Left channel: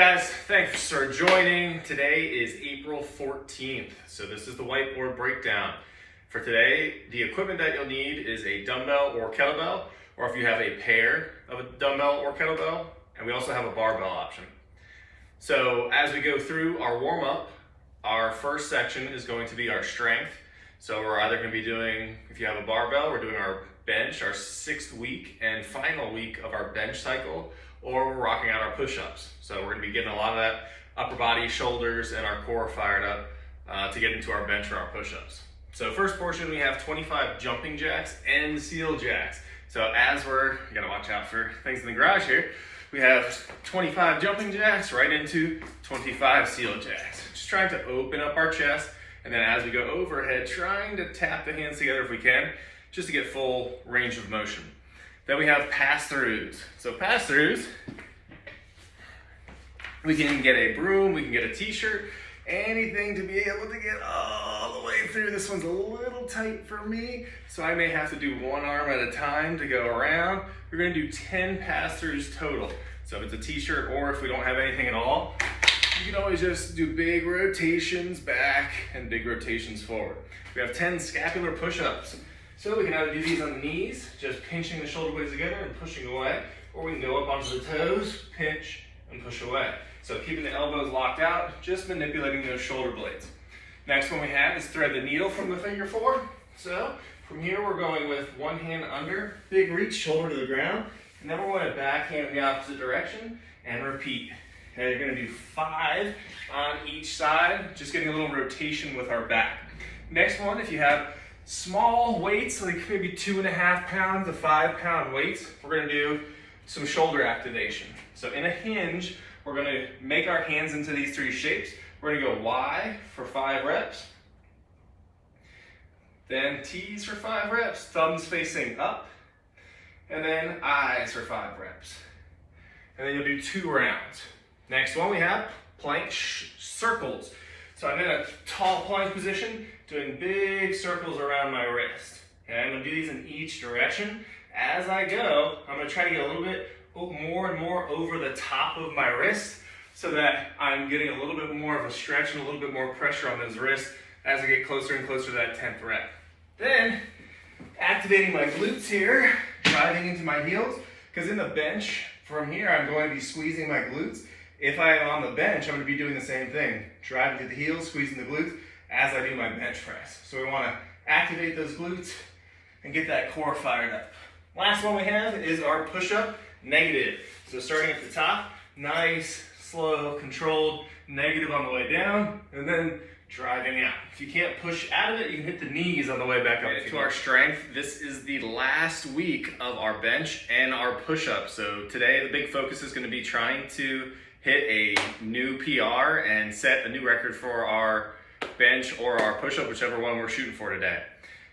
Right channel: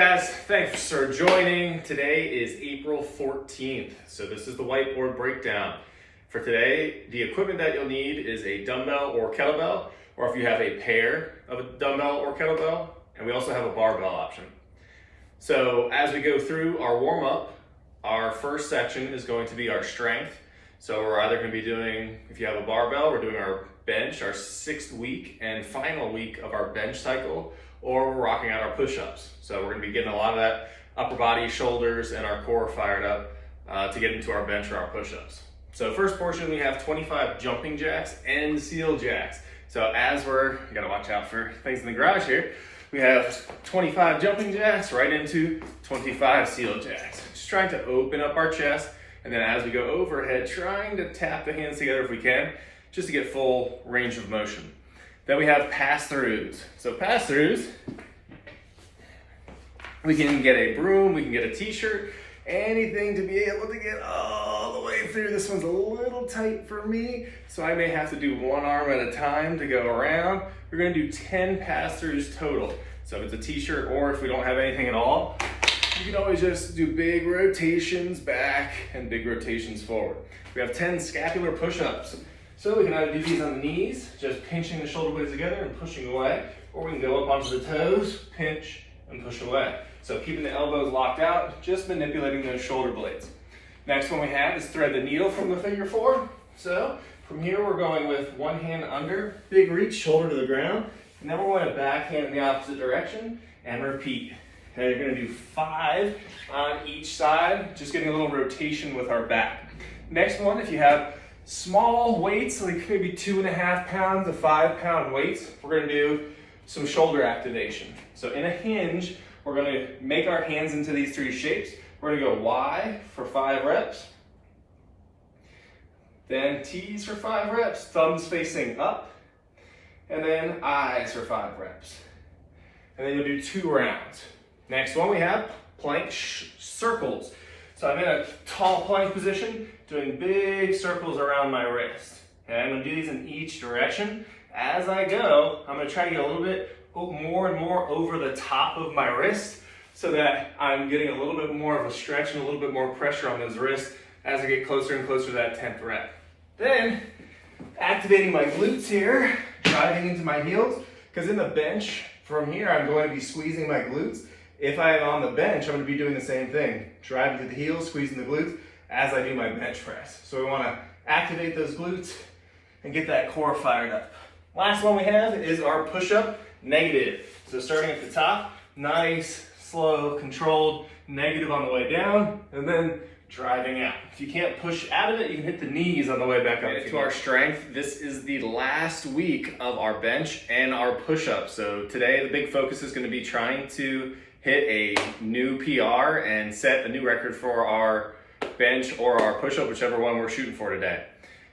Guys, thanks for joining. Today is April 14th, so this is the whiteboard breakdown. For today, the equipment that you'll need is a dumbbell or kettlebell, or if you have a pair of a dumbbell or kettlebell, and we also have a barbell option. So as we go through our warm-up, our first section is going to be our strength. So we're either going to be doing, if you have a barbell, we're doing our bench, our 6th week and final week of our bench cycle, or we're rocking out our push-ups. So we're gonna be getting a lot of that upper body, shoulders, and our core fired up to get into our bench or our push-ups. So first portion, we have 25 jumping jacks and seal jacks. So as you gotta watch out for things in the garage here, we have 25 jumping jacks right into 25 seal jacks. Just trying to open up our chest, and then as we go overhead, trying to tap the hands together if we can, just to get full range of motion. Then we have pass-throughs. So pass-throughs, we can get a broom, we can get a t-shirt, anything to be able to get all the way through. This one's a little tight for me, so I may have to do one arm at a time to go around. We're gonna do 10 pass-throughs total. So if it's a t-shirt or if we don't have anything at all, you can always just do big rotations back and big rotations forward. We have 10 scapular push-ups. So we can either do these on the knees, just pinching the shoulder blades together and pushing away, or we can go up onto the toes, pinch, and push away. So keeping the elbows locked out, just manipulating those shoulder blades. Next one we have is thread the needle from the figure 4. So from here we're going with one hand under, big reach, shoulder to the ground, and then we're going to backhand in the opposite direction and repeat. And you're going to do 5 on each side, just getting a little rotation with our back. Next one, if you have small weights, like maybe 2.5 pounds to 5 pound weights, we're going to do some shoulder activation. So in a hinge, we're going to make our hands into these 3 shapes. We're going to go Y for 5 reps, then T's for 5 reps, thumbs facing up, and then I's for 5 reps. And then you'll do 2 rounds. Next one we have plank circles. So I'm in a tall plank position, doing big circles around my wrist. Okay, I'm gonna do these in each direction. As I go, I'm gonna try to get a little bit more and more over the top of my wrist so that I'm getting a little bit more of a stretch and a little bit more pressure on those wrists as I get closer and closer to that 10th rep. Then, activating my glutes here, driving into my heels, because in the bench, from here, I'm going to be squeezing my glutes. If I am on the bench, I'm going to be doing the same thing, driving to the heels, squeezing the glutes as I do my bench press. So we want to activate those glutes and get that core fired up. Last one we have is our push-up negative. So starting at the top, nice, slow, controlled, negative on the way down, and then driving out. If you can't push out of it, you can hit the knees on the way back up. To our strength, this is the last week of our bench and our push-up. So today the big focus is going to be trying to hit a new PR and set a new record for our bench or our push-up, whichever one we're shooting for today.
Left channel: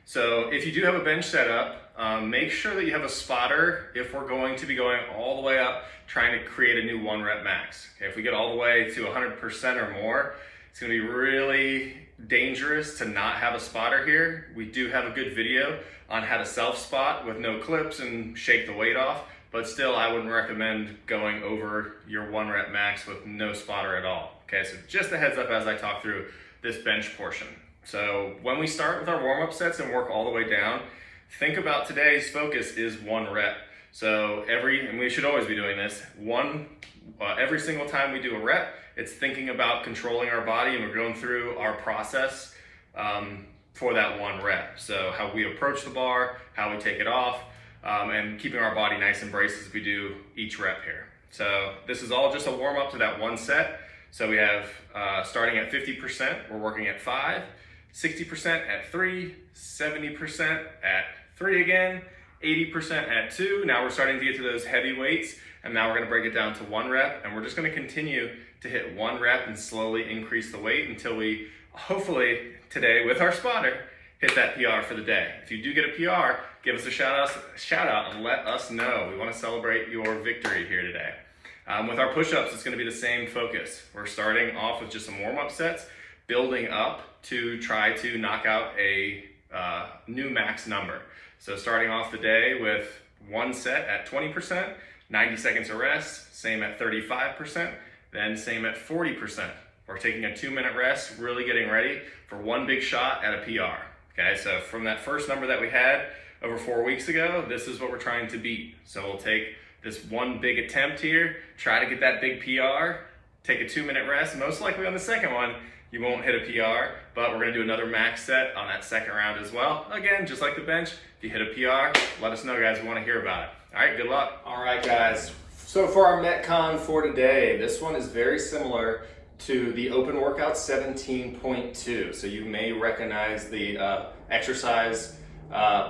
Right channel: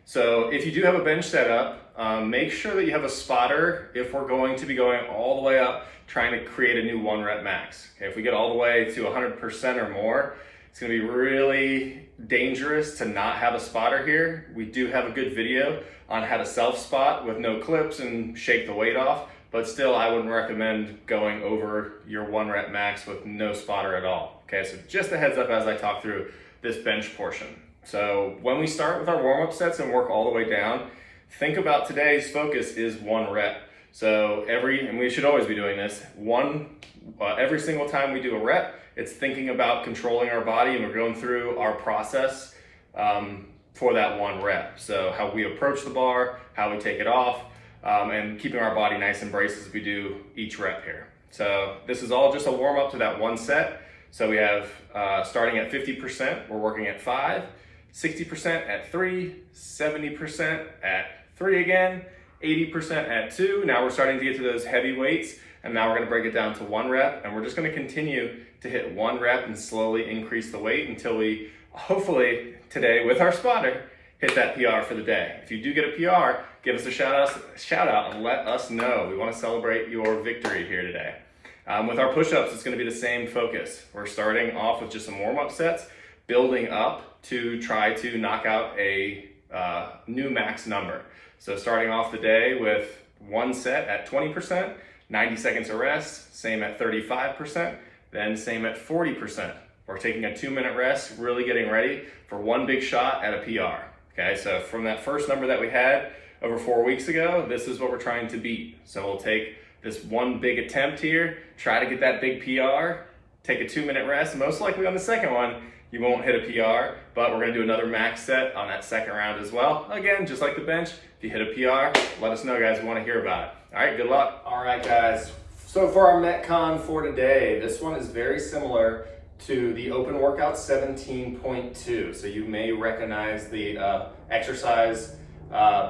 So if you do have a bench set up, make sure that you have a spotter if we're going to be going all the way up, trying to create a new 1 rep max. Okay, if we get all the way to 100% or more, it's gonna be really dangerous to not have a spotter here. We do have a good video on how to self-spot with no clips and shake the weight off. But still, I wouldn't recommend going over your 1 rep max with no spotter at all. Okay, so just a heads up as I talk through this bench portion. So when we start with our warm-up sets and work all the way down, think about today's focus is 1 rep. So and we should always be doing this, every single time we do a rep, it's thinking about controlling our body, and we're going through our process for that 1 rep. So how we approach the bar, how we take it off, and keeping our body nice and braced as we do each rep here. So this is all just a warm up to that 1 set. So we have starting at 50%, we're working at 5, 60% at 3, 70% at 3 again, 80% at 2. Now we're starting to get to those heavy weights, and now we're gonna break it down to 1 rep, and we're just gonna continue to hit 1 rep and slowly increase the weight until we, hopefully today with our spotter, hit that PR for the day. If you do get a PR, give us a shout out and let us know. We want to celebrate your victory here today. With our push-ups, it's going to be the same focus. We're starting off with just some warm-up sets, building up to try to knock out a new max number. So starting off the day with one set at 20%, 90 seconds of rest, same at 35%, Then same at 40%. We're taking a 2-minute rest, really getting ready for one big shot at a PR. Okay, so from that first number that we had over 4 weeks ago, this is what we're trying to beat. So we'll take this one big attempt here, try to get that big PR, take a 2-minute rest. Most likely on the second one, you won't hit a PR, but we're gonna do another max set on that second round as well. Again, just like the bench, if you hit a PR, let us know, guys, we wanna hear about it. All right, good luck. All right, guys. So for our Metcon for today, this one is very similar to the open workout 17.2. So you may recognize the exercise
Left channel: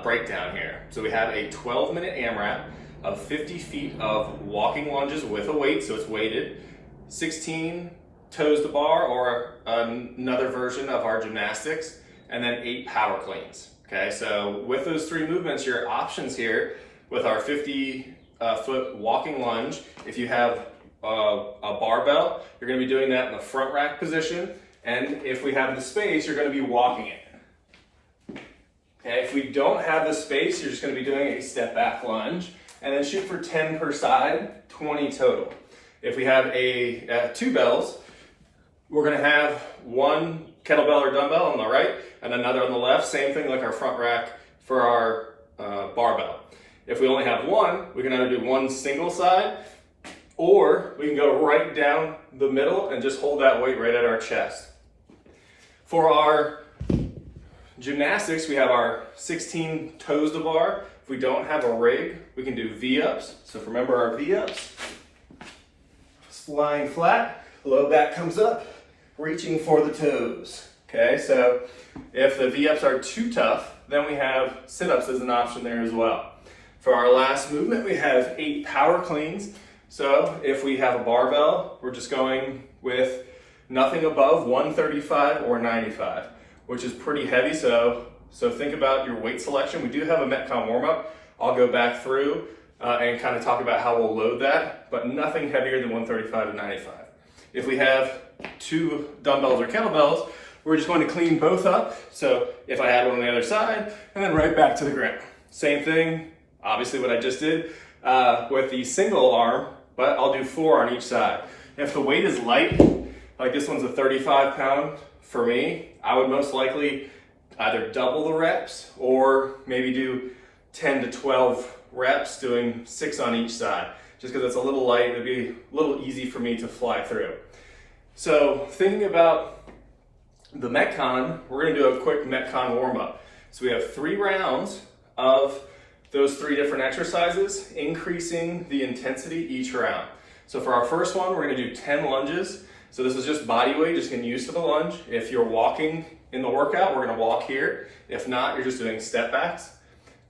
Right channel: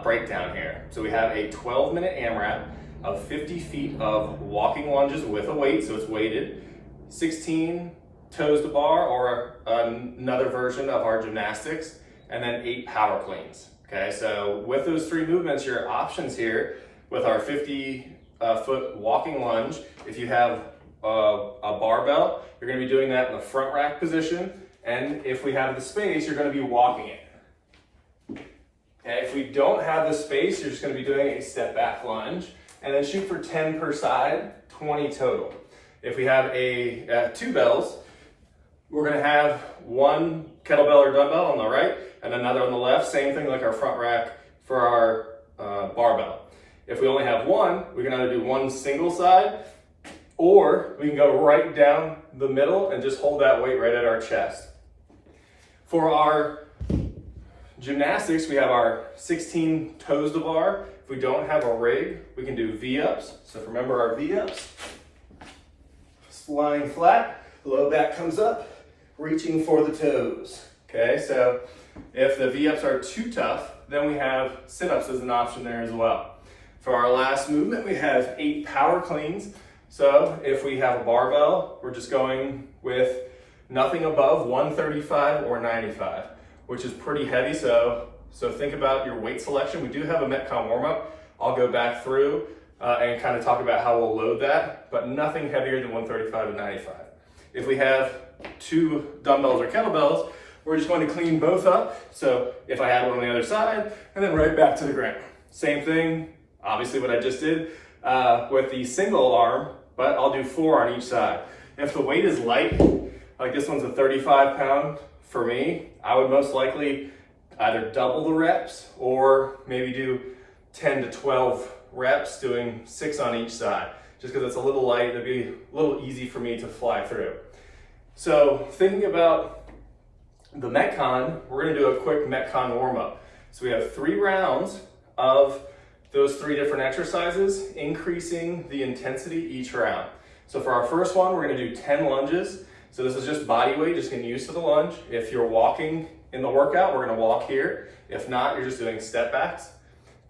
breakdown here. So we have a 12-minute AMRAP of 50 feet of walking lunges with a weight, so it's weighted, 16 toes to bar or another version of our gymnastics, and then 8 power cleans. Okay, so with those 3 movements, your options here with our 50-foot walking lunge, if you have a barbell, you're going to be doing that in the front rack position, and if we have the space, you're going to be walking it. Okay, if we don't have the space, you're just going to be doing a step back lunge, and then shoot for 10 per side, 20 total. If we have 2 bells, we're going to have 1 kettlebell or dumbbell on the right and another on the left. Same thing like our front rack for our barbell. If we only have 1, we can either do 1 single side, or we can go right down the middle and just hold that weight right at our chest. For our gymnastics, we have our 16 toes to bar. If we don't have a rig, we can do V-ups. So remember our V-ups. Lying flat, low back comes up, reaching for the toes. Okay, so if the V-ups are too tough, then we have sit-ups as an option there as well. For our last movement, we have 8 power cleans. So if we have a barbell, we're just going with nothing above 135 or 95, which is pretty heavy. So think about your weight selection. We do have a Metcon warm-up. I'll go back through and kind of talk about how we'll load that, but nothing heavier than 135 to 95. If we have 2 dumbbells or kettlebells, we're just going to clean both up. So if I had one on the other side, and then right back to the ground. Same thing, obviously what I just did with the single arm, but I'll do 4 on each side. If the weight is light, like this one's a 35 pound for me, I would most likely either double the reps or maybe do 10 to 12 reps doing 6 on each side. Just because it's a little light, it'd be a little easy for me to fly through. So thinking about the Metcon, we're gonna do a quick Metcon warm up. So we have 3 rounds of those 3 different exercises, increasing the intensity each round. So for our first one, we're gonna do 10 lunges. So this is just body weight, just getting used to the lunge. If you're walking in the workout, we're gonna walk here. If not, you're just doing step backs.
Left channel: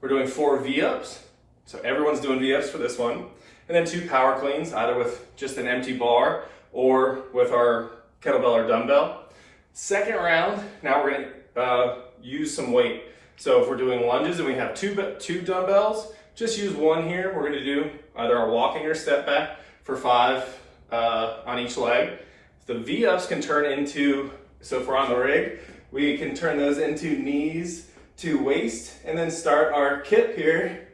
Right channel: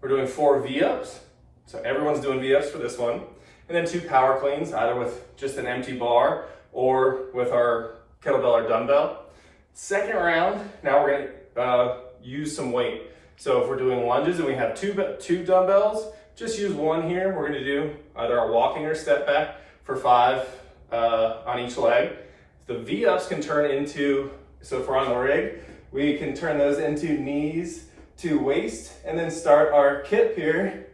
We're doing 4 V-ups. So everyone's doing V-ups for this one. And then 2 power cleans, either with just an empty bar or with our kettlebell or dumbbell. Second round, now we're gonna use some weight. So if we're doing lunges and we have 2 dumbbells, just use 1 here. We're gonna do either our walking or step back for 5 on each leg. The V-ups can turn into, so if we're on the rig, we can turn those into knees to waist and then start our kip here.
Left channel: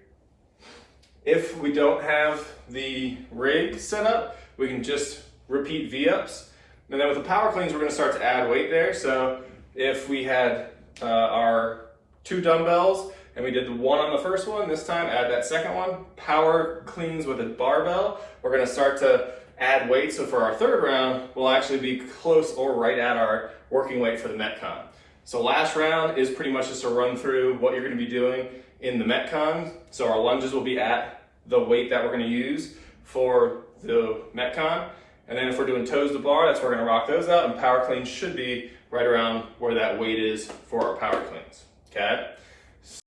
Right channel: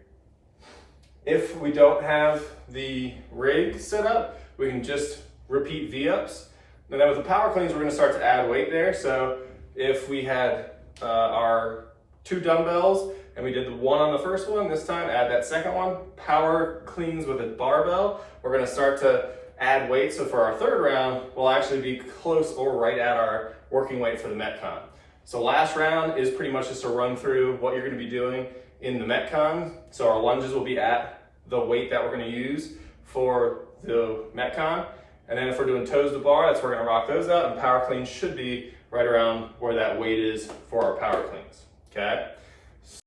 If we don't have the rig set up, we can just repeat V-ups. And then with the power cleans, we're gonna start to add weight there. So if we had our 2 dumbbells and we did the 1 on the first one, this time add that second one. Power cleans with a barbell, we're gonna start to add weight. So for our 3rd round, we'll actually be close or right at our working weight for the Metcon. So last round is pretty much just a run through what you're gonna be doing in the Metcon. So our lunges will be at the weight that we're gonna use for the Metcon. And then if we're doing toes to bar, that's where we're gonna rock those out, and power cleans should be right around where that weight is for our power cleans, okay?